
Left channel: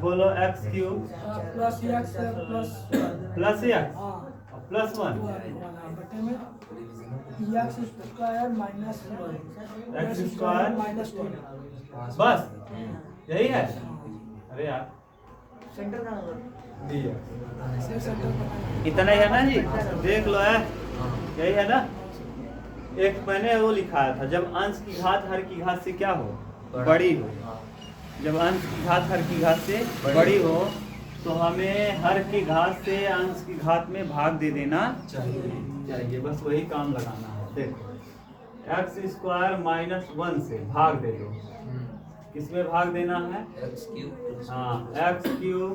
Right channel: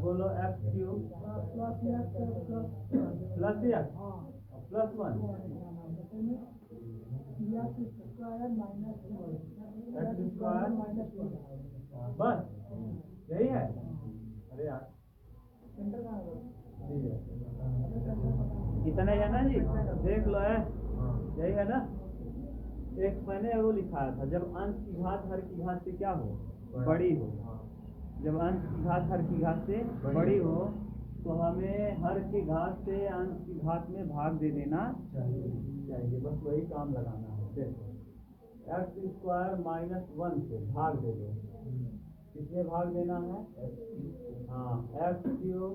बोलो x cube plus plus plus 1 x square minus x square minus 1 बस यही है। अरे यार सेंटर का इतना ही है ना जी देख लो है यही है ना। एक मैंने वो लिखाया था जब अंश की घात हर की घात से क्या हो बड़ी हो, जब अंश की घात हर की घात से बड़ी हो तो हमें हर की घात से अंश की घात में भाग दे देना चाहिए। बस वही काम लगाना है। देखो x स्क्वायर माइनस 1 से भाग दे दो किसमें भाग देना है हाँ x क्यूब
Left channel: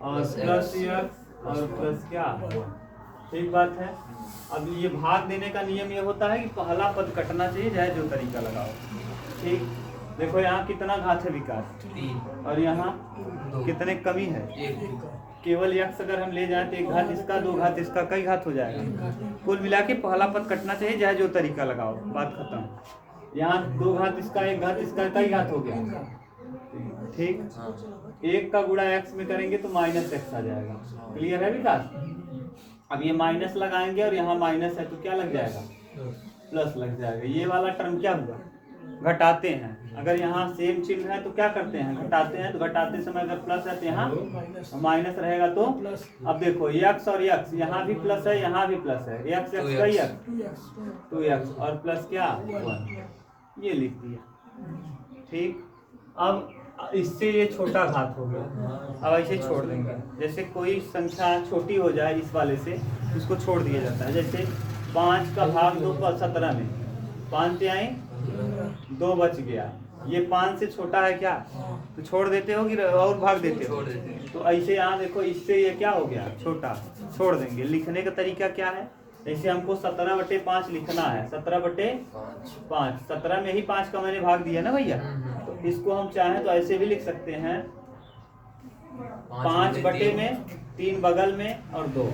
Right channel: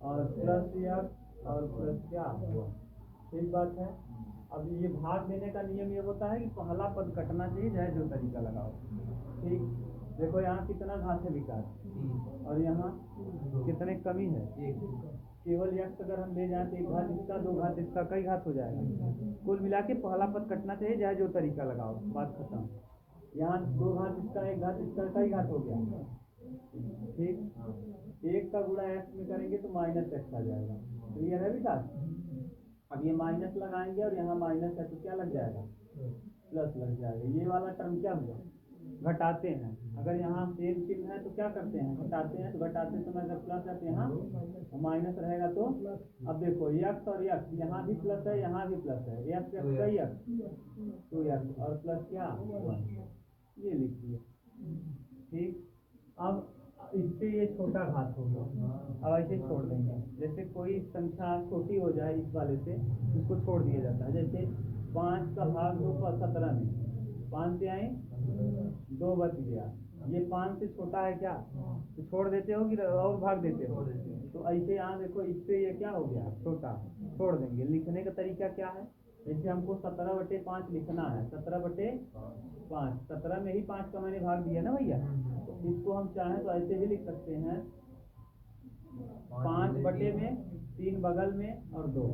और प्लस x और प्लस क्या ठीक बात है। अब ये भाग देने का नियम ये होता है कि पहला पद कटना चाहिए चाहे जो तरीका लगाओ ठीक। देखो यहाँ कितना घात है विकास 3 और यहाँ कितने कमी है केवल x अगर हम ले जाएं तो एक घात इसका, दो घात इसका, कई घात हो जाएगा। कुल मिला के पहला पद कटना चाहिए, चाहे जो तरीका लगाओ, बात खत्म। यहाँ दो घात इसका, एक घात इसका, कई घात हो गया, ठीक। हाँ। एक का गुणा x में करेंगे तो माइनस x आ जाएगा। क्लियर है विकास? अब ये माइनस लगाएंगे और यहाँ माइनस है तो क्या लग जाएगा? प्लस लग जाएगा। ये वाला टर्म क्या हुआ? घटाते हैं। अगर यहाँ सेम चिन्ह है तो क्या करते हैं? घटाते हैं। तो घटाते समय अगर प्लस है तो यहाँ माइनस रहेगा। तो अब देखो x और x, यहाँ भी प्लस है, यहाँ भी प्लस है, x x का ही x 2x और प्लस क्या 1, ये लिख दिया, ठीक। अब इससे ये छोटा घात हो गया, अब ऐसे छोड़ देंगे। जैसे कोई संख्या छोटी हो जाए इस वाले से, इसको छोड़ दिया जाता है। जैसे 5 का भाग 2 का 17 में 5 आए 2 बच गया, ये 5 से छोटा है क्या? तो छोड़ देते हो कि और भाग देते हो? तो ऐसे यहाँ देखो, इससे ये क्या हो गया? छोटा, छोड़ देंगे। लिखने का तरीका क्या है? जैसे हमको 17/5 लिखना है, 17/5, 17 में ही 5 का मैंने भाग दिया ना भैया। तो इसको हम चाहें तो ऐसे भी लिख सकते हैं, 5 में 3 बगल में और 2।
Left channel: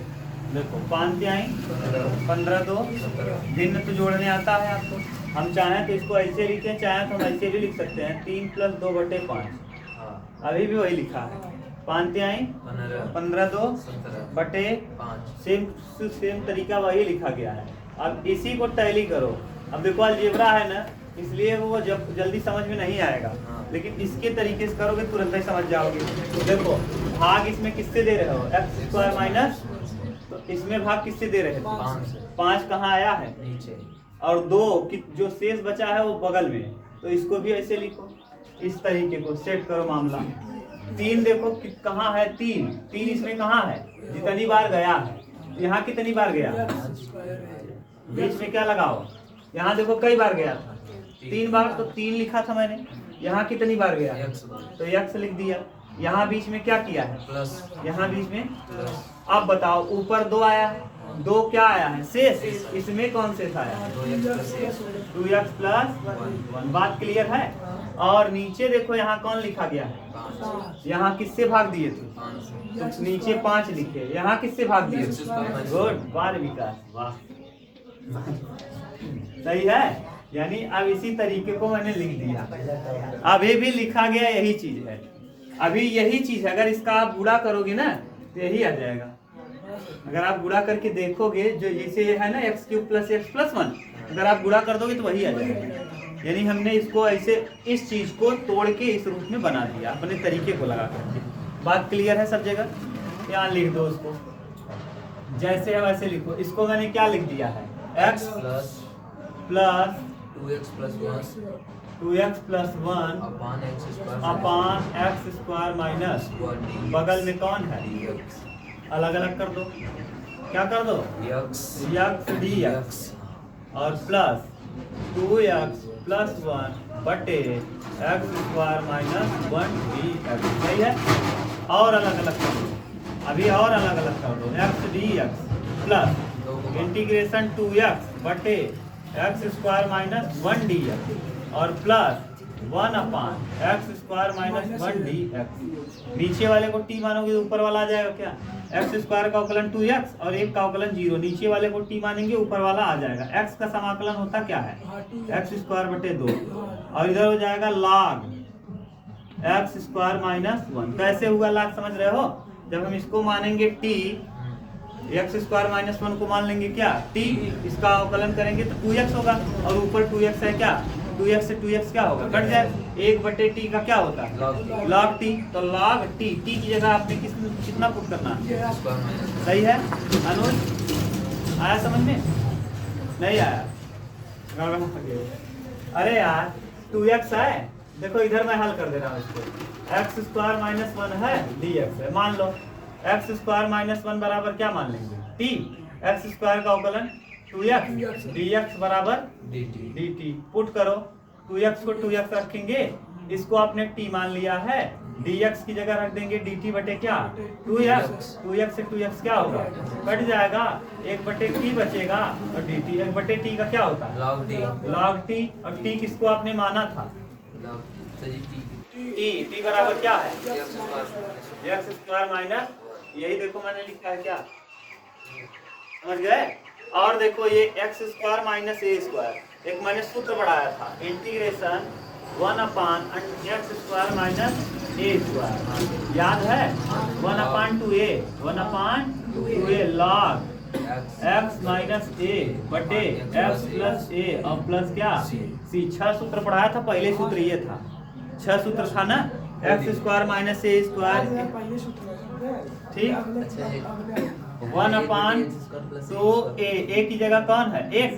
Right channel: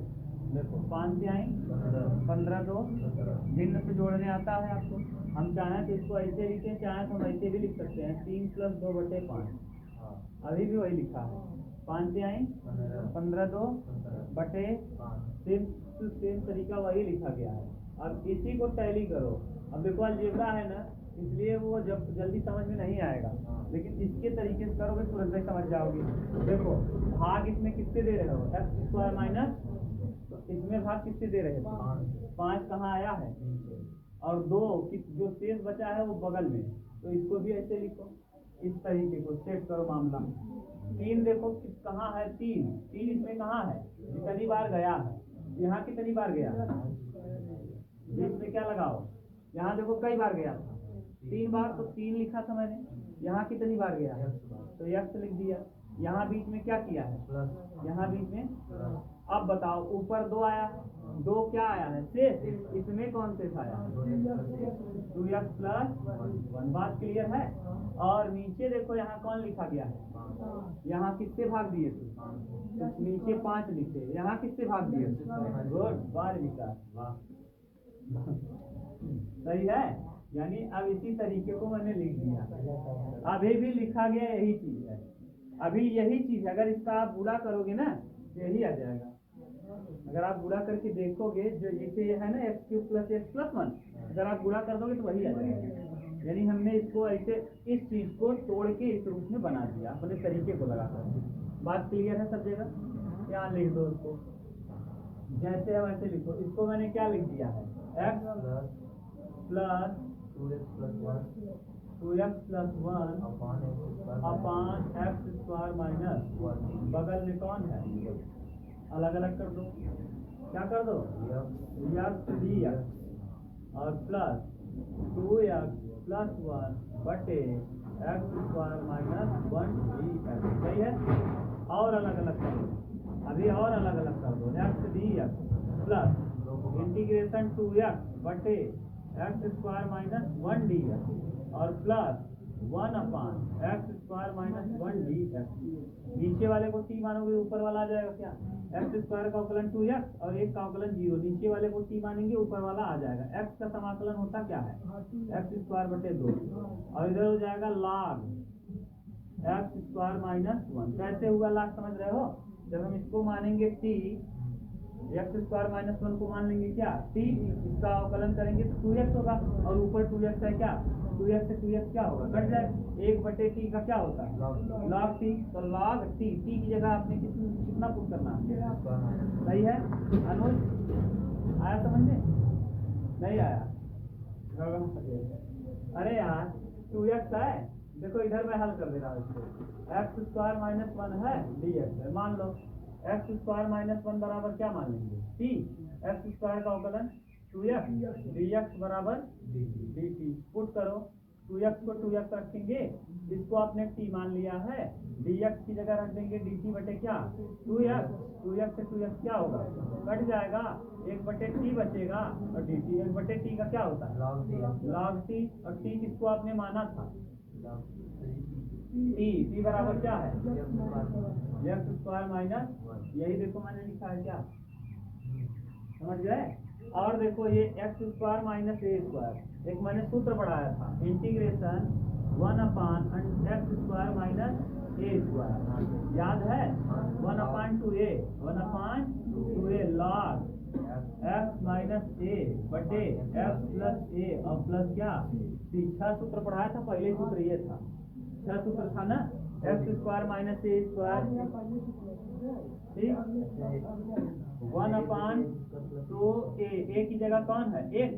देखो 5 आई 15 2, भिन्न तो जोड़ने आता है आपको। हम चाहें तो इसको ऐसे लिखें, चाहें तो हम ऐसे भी लिख सकते हैं, 3 + 2/5। अभी भी वही लिखा है, 5 आई 15 2 बटे 5। सेम तरीका वही लिखा गया है। अब इसी को टैली करो। अब देखो अलजेब्रा है ना, इसलिए वो जब जल्दी समझ में नहीं आएगा, लेकिन इसके तरीके से करोगे तुरंत ही समझ जाओगे। तो देखो भाग इसमें किससे दे रहे हो? x² माइनस, तो इसमें भाग किससे दे रहे थे? 5 कहाँ आया है? नीचे। और 2 जो शेष बचा है वो बगल में, तो इसको भी ऐसे लिखो। इस तरीके को सेट करो मामला। 3 देखो कहाँ है? 3 इसमें कहाँ है? जितनी बार गया है, यहाँ कितनी बार गया? बीच में क्या लगाओ? यहाँ देखो कई बार गया था, 3 बार, तो 3 लिखा था मैंने। यहाँ कितनी बार गया? तो x लिख दिया। यहाँ बीच में क्या किया है? प्लस। यहाँ बीच में प्लस। अब बताओ, ऊपर 2 आया है, 2 क्या आया है? शेष। इसमें कौन से था? 2x + 1। बात क्लियर है? और नीचे देखो यहाँ कौन लिखा गया है? यहाँ किससे भाग दिए थे? तो नीचे 5 लिखे, यहाँ किससे भाग दिए? गुड, वाह विकास, वाह। सही है। यानी अब इसी तरीके को मैंने लिख दिया। अभी भी लिखा गया यही चीज है, अभी यही चीज है। अगर इसका आप गुणा करोगे ना तो यही आ जाएगा। अगर आप गुणा करके देखोगे, जो जैसे है ना x³ + x + 1, अगर आप गुणा कर दोगे तो वही आ जाएगा। यानी हमने इसको ऐसे इस चीज को तोड़ के इस रूप में बना दिया अपने तरीके को लगा करके। बात क्लियर है सब जगह? यहाँ लिख दो उसको, जैसे है वैसे लिखो। इसको मैंने क्या लिख दिया है? x + 2x + 1 2x + 1 अपान x² माइनस, बगल में कौन है? अलग अलग कर दो। क्या कर दो? x dx और प्लस 2x + 1 बटे x² माइनस 1 dx। सही है? और अलग अलग कर दो, अभी और अलग अलग कर दो। x dx plus integration 2x बटे x² माइनस 1 dx और प्लस 1 अपान x² माइनस 1 dx। नीचे वाले को t मानोगे तो ऊपर वाला आ जाएगा क्या? x² का अवकलन 2x और 1 का अवकलन 0। नीचे वाले को t मानेंगे, ऊपर वाला आ जाएगा। x का समाकलन होता क्या है? x² बटे 2 और इधर हो जाएगा log x² माइनस 1। कैसे हुआ log समझ रहे हो? जब हम इसको मानेंगे t, x² माइनस 1 को मान लेंगे क्या? t, इसका अवकलन करेंगे तो 2x होगा और ऊपर 2x है क्या? 2x से 2x क्या होगा? कट जाए। 1 बटे t का क्या होता है? log t। तो log t, t की जगह आपने कितना पुट करना है? सही है अनुज? आया समझ में? नहीं आया? अरे यार 2x है, देखो इधर मैं हल कर दे रहा हूँ इसको। x² माइनस 1 है, dx है। मान लो x² माइनस 1 बराबर क्या मान लेंगे? t। x² का अवकलन 2x dx बराबर dt। पुट करो, 2x को 2x रखेंगे, इसको आपने t मान लिया है, dx की जगह रख देंगे dt बटे क्या? 2x। 2x से 2x क्या होगा? कट जाएगा, 1 बटे t बचेगा और dt। 1 बटे t का क्या होता है? log t। और t किसको आपने माना था? t बराबर क्या है? x² माइनस यही देखो मैंने लिखा है क्या, समझ गए। और देखो ये एक्स स्क्वायर माइनस ए स्क्वायर, एक मैंने सूत्र बढ़ाया था, इंटीग्रेशन 1/x स्क्वायर माइनस ए स्क्वायर, याद है। 1/2a लॉग x माइनस ए बटे x प्लस ए और प्लस क्या सी। 6 सूत्र पढ़ाया था, पहले सूत्र ये था, 6 सूत्र था ना, एक्स स्क्वायर माइनस ए स्क्वायर, पहले सूत्र है, ठीक। अच्छा है 1/2a, ए की जगह कौन है, एक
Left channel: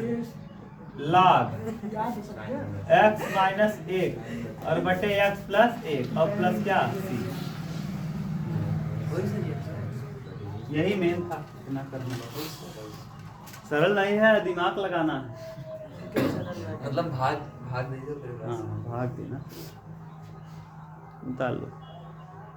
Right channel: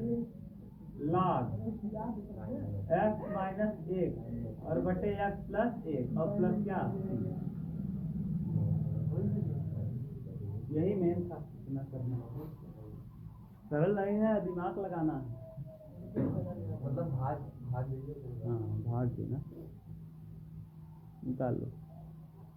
लॉग याद हो सकते हैं। x माइनस 1 और बटे x प्लस 1 और प्लस क्या सी। यही मेन था, इतना करना सरल नहीं है, दिमाग लगाना है। मतलब भाग भाग दीजिए फिर हाँ भाग देना, निकाल लो।